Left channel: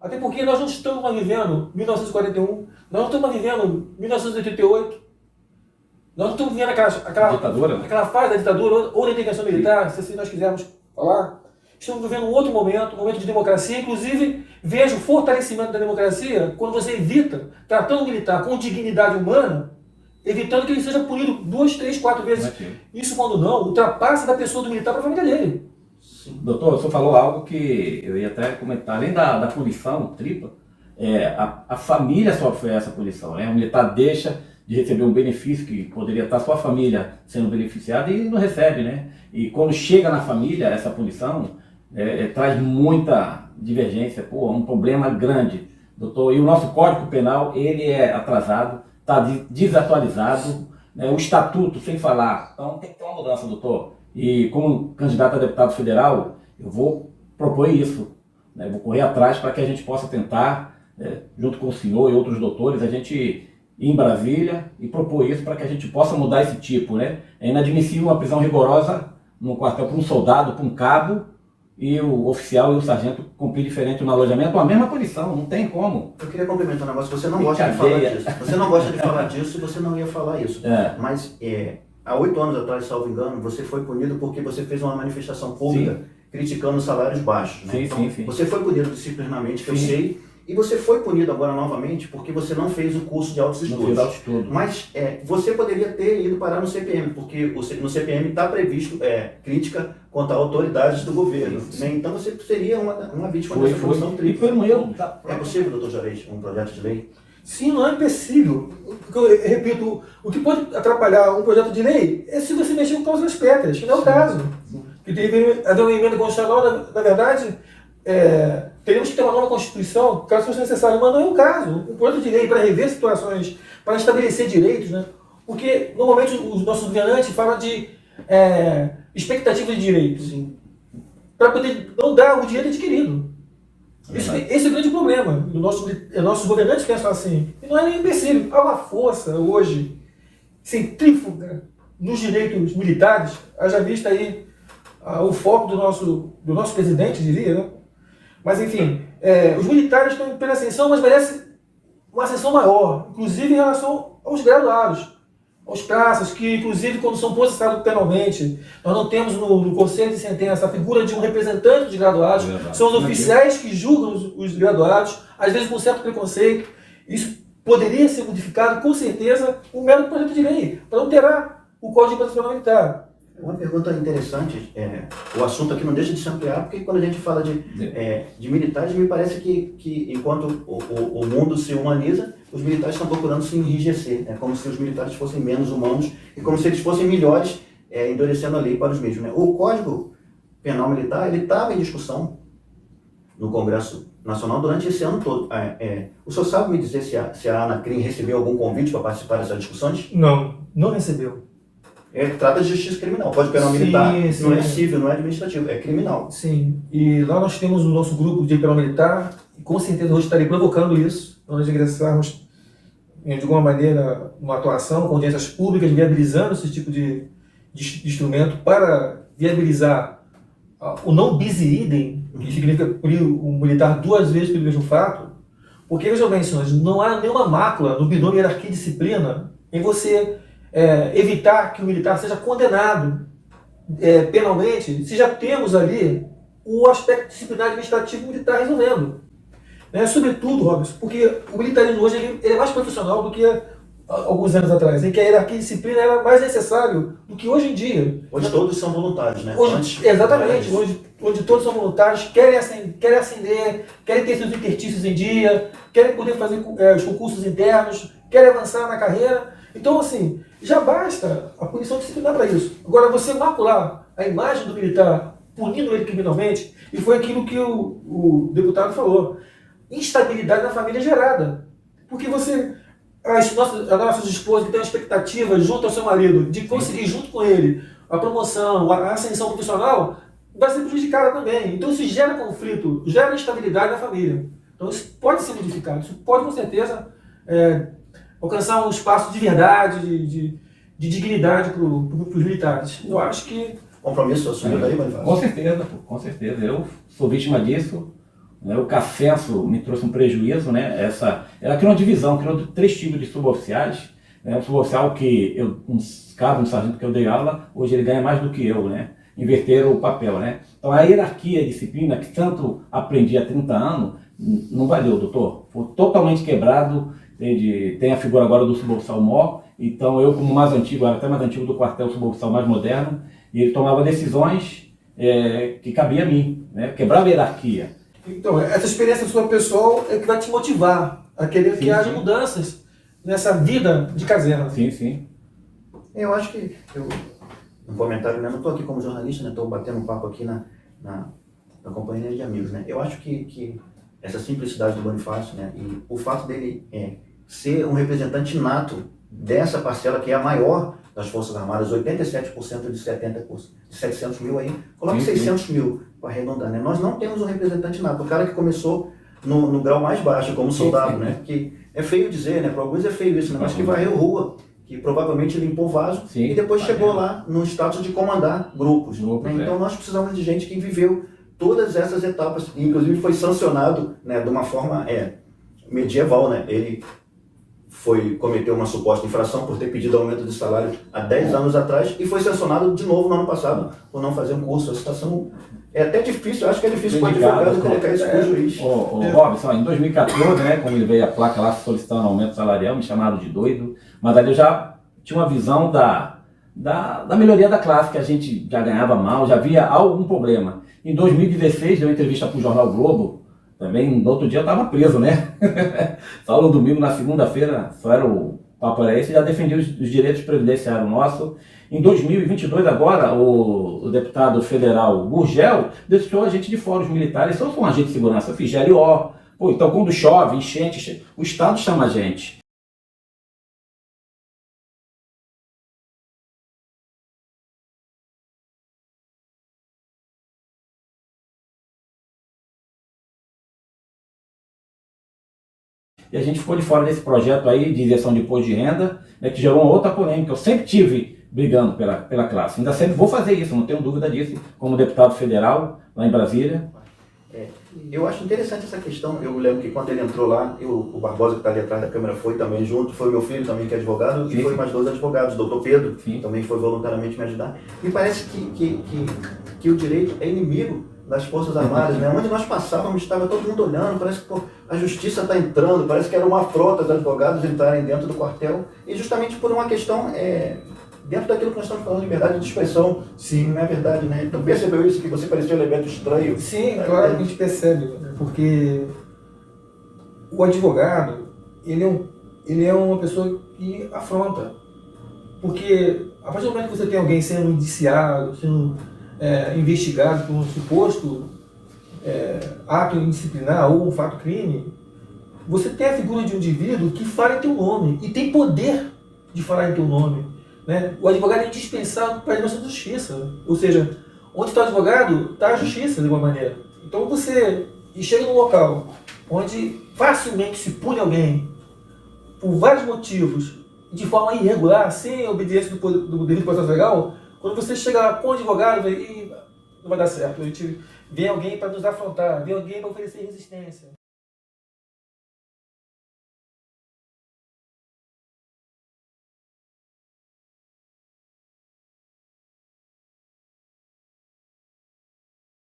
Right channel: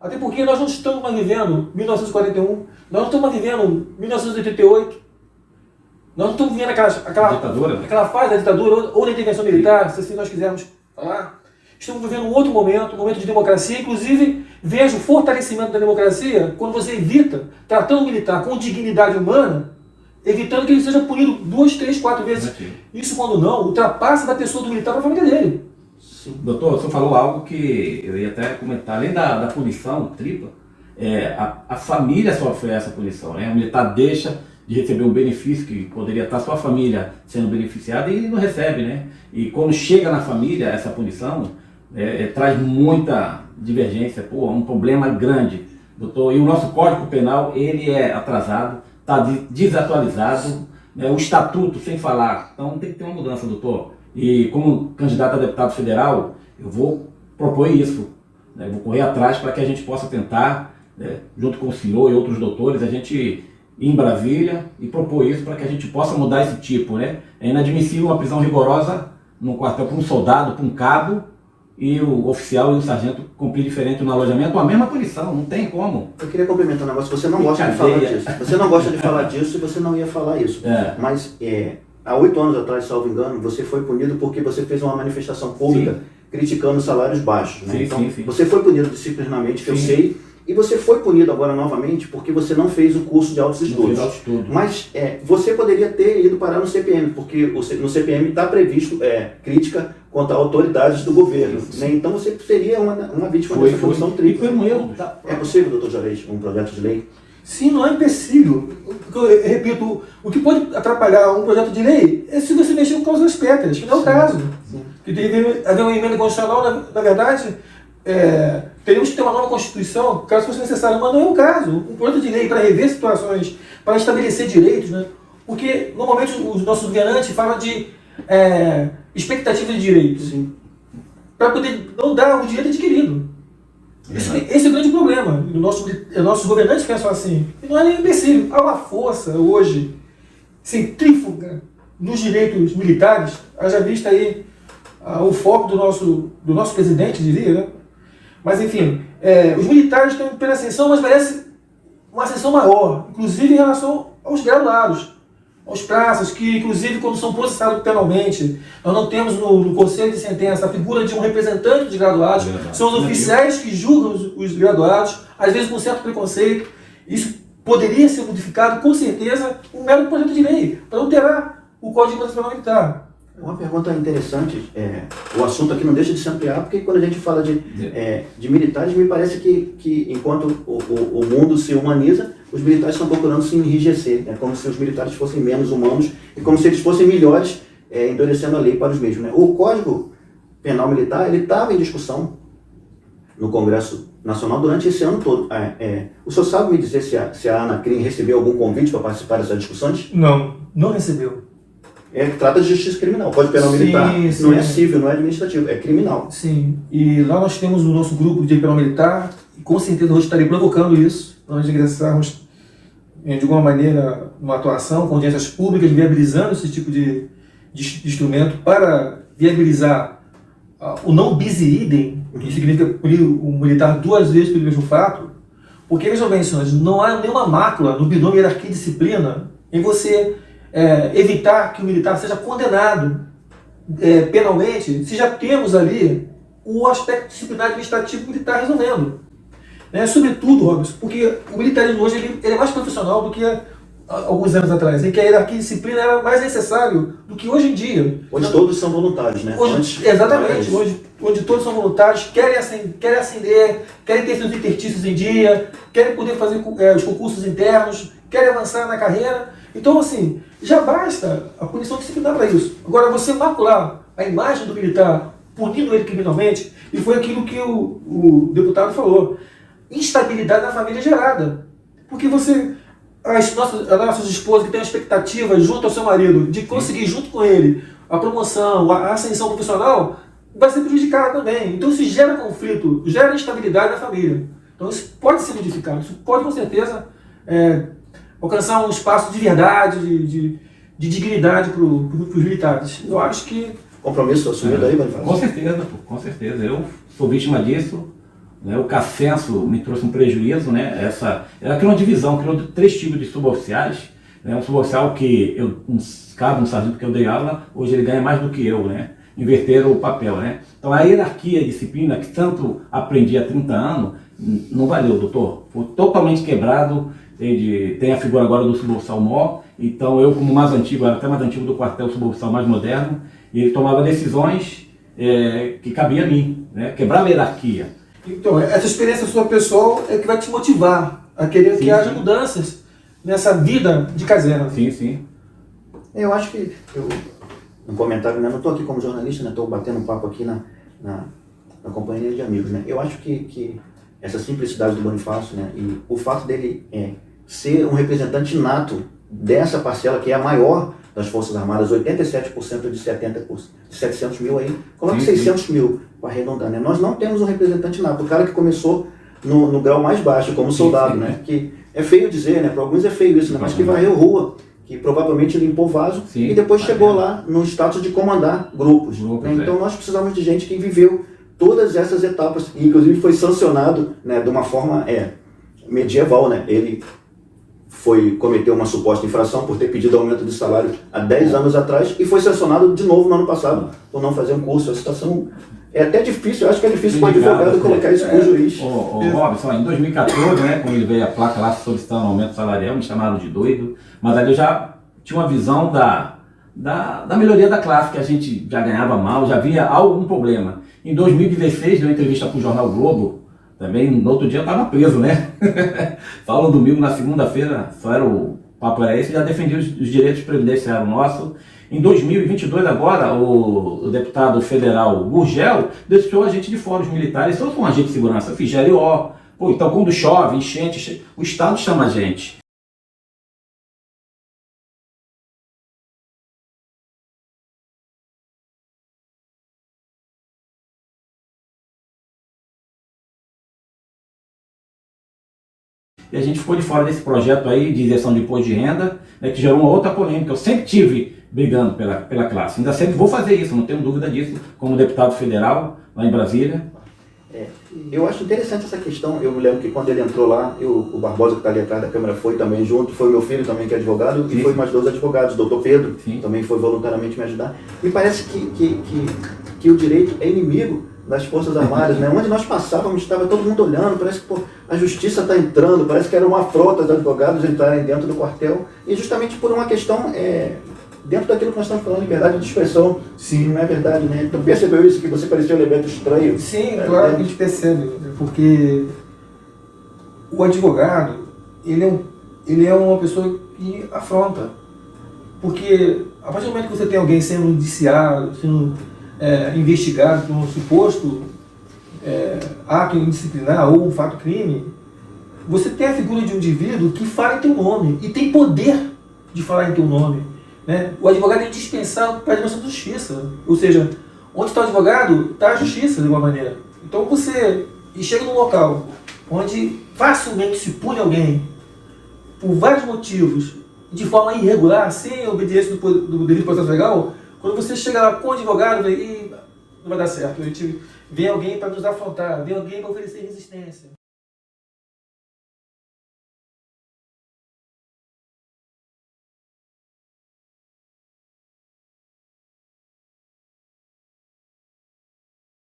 Até porque nós não estamos mais vivendo 1941, nós não estamos mais vivendo 1988, nós não estamos vivendo aquela fase da ditadura ou da intervenção militar, se assim nós quisermos falar. Estamos vivendo um outro momento, um momento de democracia. Inclusive, vejo o fortalecimento da democracia quando você evita, tratando o militar com dignidade humana, evitando que ele seja punido 2, 3, 4 vezes. Isso, quando não, ultrapassa da pessoa do militar para a família dele. Sim. Doutor, você falou algo que eu ia até comentar. Além da punição tripla, a família sofre essa punição, né? O militar deixa de receber um benefício que poderia estar sua família sendo beneficiada e não recebe, né? E quando chega na família essa punição, traz muita divergência, um problema grande, doutor. E o nosso Código Penal, ele é atrasado, está desatualizado, né? O estatuto, sem falar. Então tem que ter uma mudança, doutor. E como candidato a deputado federal, eu vou propor isso, né? Vou correr atrás para que a gente possa tentar, né, junto com o senhor e outros doutores, a gente ir em Brasília e propor isso para que a gente possa mudar esse tipo, né? É inadmissível uma prisão rigorosa no quartel para um soldado, para um cabo, e o oficial e o sargento cumprir diferente no alojamento, a mesma punição, não tem como. Eu queria complementar um negócio, você não gosta de falar disso. Você não gosta de falar disso e você não ia falar isso. Mas há 8 anos atrás, salvo engano, você foi punido porque você fez uma manifestação pública criticando salários baixos. Né? Sim. Você foi punido disciplinarmente, que eu sei, e você foi punido agora novamente porque você não fez o curso de altos estudos. Mas você poderia ter ido parar no CPM, porque no CPM está previsto crítica contra autoridades do governo. Né? Então você seria uma vítima dessa punição tripla. É possível, doutor Juarez, um projeto de lei? Sim, não é impossível. Eu repito, o que pode atrapalhar um projeto de lei é se você mexer com causas pétreas, que não é o caso. Que deve haver uma emenda constitucional, na verdade, teremos que ter uma nova Constituição, caso fosse necessário, mas não é o caso. Um projeto de lei para rever situações, para estabelecer direitos, né? Porque normalmente os nossos governantes falam de expectativa de direitos, para poder não dar o direito adquirido. Esse é o grande problema. Nossos governantes pensam assim. E não é nem imbecil. Há uma força hoje centrífuga nos direitos militares. Haja vista aí o foco do nosso presidente, diria, né? Mas enfim, os militares estão em plena ascensão, mas merece uma ascensão maior, inclusive em relação aos graduados, aos praças, que inclusive quando são processados penalmente, nós não temos no conselho de sentença a figura de um representante dos graduados, são os oficiais que julgam os graduados, às vezes com certo preconceito. Isso poderia ser modificado, com certeza, um mero projeto de lei, para alterar o Código de Processo Penal Militar. Uma pergunta interessante, o assunto aqui não deixa de se ampliar, porque quando a gente fala de militares, me parece que enquanto o mundo se humaniza, os militares estão procurando se enrijecer. É como se os militares fossem menos humanos e como se eles fossem melhores, endurecendo a lei para os mesmos. Né? O Código Penal Militar ele estava em discussão no Congresso Nacional durante esse ano todo. O senhor sabe me dizer se a ANACRIM recebeu algum convite para participar dessas discussões? Não recebeu. Trata de justiça criminal. O Código Penal Militar não é civil, não é administrativo, é criminal. Sim, e lá nós temos o nosso grupo de penal militar, e com certeza nós estaremos provocando isso, nós ingressarmos de alguma maneira numa atuação com audiências públicas, viabilizando esse tipo de instrumento para viabilizar o não bis idem, que significa punir o militar 2 vezes pelo mesmo fato, porque, vejam bem, senhores, não há nenhuma mácula no binômio hierarquia e disciplina em você evitar que o militar seja condenado penalmente, se já temos ali o aspecto disciplinar administrativo militar resolvendo. Sobretudo, Robson, porque o militarismo hoje ele é mais profissional do que alguns anos atrás, em que a hierarquia e disciplina era mais necessário do que hoje em dia. Onde todos são voluntários, né? Exatamente, onde todos são voluntários, querem ascender, querem ter seus interstícios em dia, querem poder fazer os concursos internos, querem avançar na carreira. Então, assim, já basta a punição disciplinar para isso. Agora, você macular a imagem do militar, punindo ele criminalmente, e foi aquilo que o deputado falou, instabilidade na família gerada. Porque as nossas esposas que têm uma expectativa junto ao seu marido de conseguir junto com ele a promoção, a ascensão profissional, vai ser prejudicada também. Então isso gera conflito, gera instabilidade na família. Então isso pode ser modificado, isso pode com certeza alcançar um espaço de verdade, de dignidade para os militares. Eu acho que... Compromisso assumido aí, Bonifácio? Com certeza. Eu sou vítima disso. Né? O Cascenso me trouxe um prejuízo, né? Ela criou uma divisão, criou 3 tipos de suboficiais. Né? Um suboficial que, um sargento que eu dei aula, hoje ele ganha mais do que eu, né? Inverteram o papel, né? Então a hierarquia, a disciplina, que tanto aprendi há 30 anos, não valeu, doutor. Foi totalmente quebrado. Tem a figura agora do suboficial mor, então eu, como mais antigo, era até mais antigo do quartel, suboficial mais moderno, e ele tomava decisões que cabia a mim, né? Quebrava a hierarquia. Então, essa experiência sua pessoal é que vai te motivar a querer que haja mudanças nessa vida de caserna. Sim, sim. Eu acho que, um comentário, né? Eu não estou aqui como jornalista, né? Estou batendo um papo aqui na companhia de amigos, né? Eu acho que essa simplicidade do Bonifácio, né? E o fato dele ser um representante nato dessa parcela que é a maior das Forças Armadas, 87% de 70%, de 700 mil aí, coloca 600 mil para arredondar, né? Nós não temos um representante nato, o cara que começou no grau mais baixo, como soldado, né? Que é feio dizer, né? Para alguns é feio isso, né? Mas que varreu rua, que provavelmente limpou vaso e depois chegou lá no status de comandar grupos. Né? Então nós precisamos de gente que viveu todas essas etapas, e inclusive foi sancionado, né, de uma forma medieval, né? Ele cometeu uma suposta infração por ter pedido aumento de salário há 10 anos atrás e foi sancionado de novo no ano passado por não fazer um curso. A situação é até difícil, eu acho que é difícil para o advogado colocar isso para o juiz. Robson, em 2014, né, quando ele veio a placa lá solicitando aumento salarial, me chamaram de doido, mas ali eu já tinha uma visão da melhoria da classe, que a gente já ganhava mal, já havia algum problema. Em 2016, deu uma entrevista para o Jornal Globo, também no outro dia eu estava preso, né? Só no domingo, na segunda-feira, só era o papo era esse, já defendia os direitos previdenciários nossos. Em 2022 agora, o deputado federal Gurgel deixou a gente de fora, os militares, só com um agente de segurança, fiz GLO. Pô, então quando chove, enchente, o Estado chama a gente. E a gente ficou de fora desse projeto aí de isenção de imposto de renda, que gerou uma outra polêmica. Eu sempre tive brigando pela classe. Ainda sempre vou fazer isso, não tenho dúvida disso, como deputado federal lá em Brasília. Eu acho interessante essa questão. Eu me lembro que quando ele entrou lá, o Barbosa, que está ali atrás da câmera, foi também junto, foi meu filho também, que é advogado, e foi mais 2 advogados, doutor Pedro, também foi voluntariamente me ajudar. E parece que o direito é inimigo das Forças Armadas, né? Onde nós passávamos, estava todo mundo olhando, parece que a justiça está entrando, parece que era uma afronta os advogados entrarem dentro do quartel, e justamente por uma questão, dentro daquilo que nós estamos falando, liberdade de expressão. Sim, não é verdade, né? Então percebeu isso, que você parecia um elemento estranho? Sim, claro que a gente percebe, porque o advogado, ele é uma pessoa que afronta, porque a partir do momento que você tem alguém sendo indiciado, sendo investigado por um suposto ato indisciplinar ou um fato crime, você tem a figura de um indivíduo que fala em teu nome e tem poder de falar em teu nome. Né? O advogado é indispensável para a nossa justiça. Ou seja, onde está o advogado, está a justiça de alguma maneira. Então você chega num local onde facilmente se pune alguém por vários motivos, de forma irregular, sem a obediência do devido processo legal. Quando você chega lá com o advogado, aí não vai dar certo. A gente vê alguém para nos afrontar, vê alguém para oferecer resistência.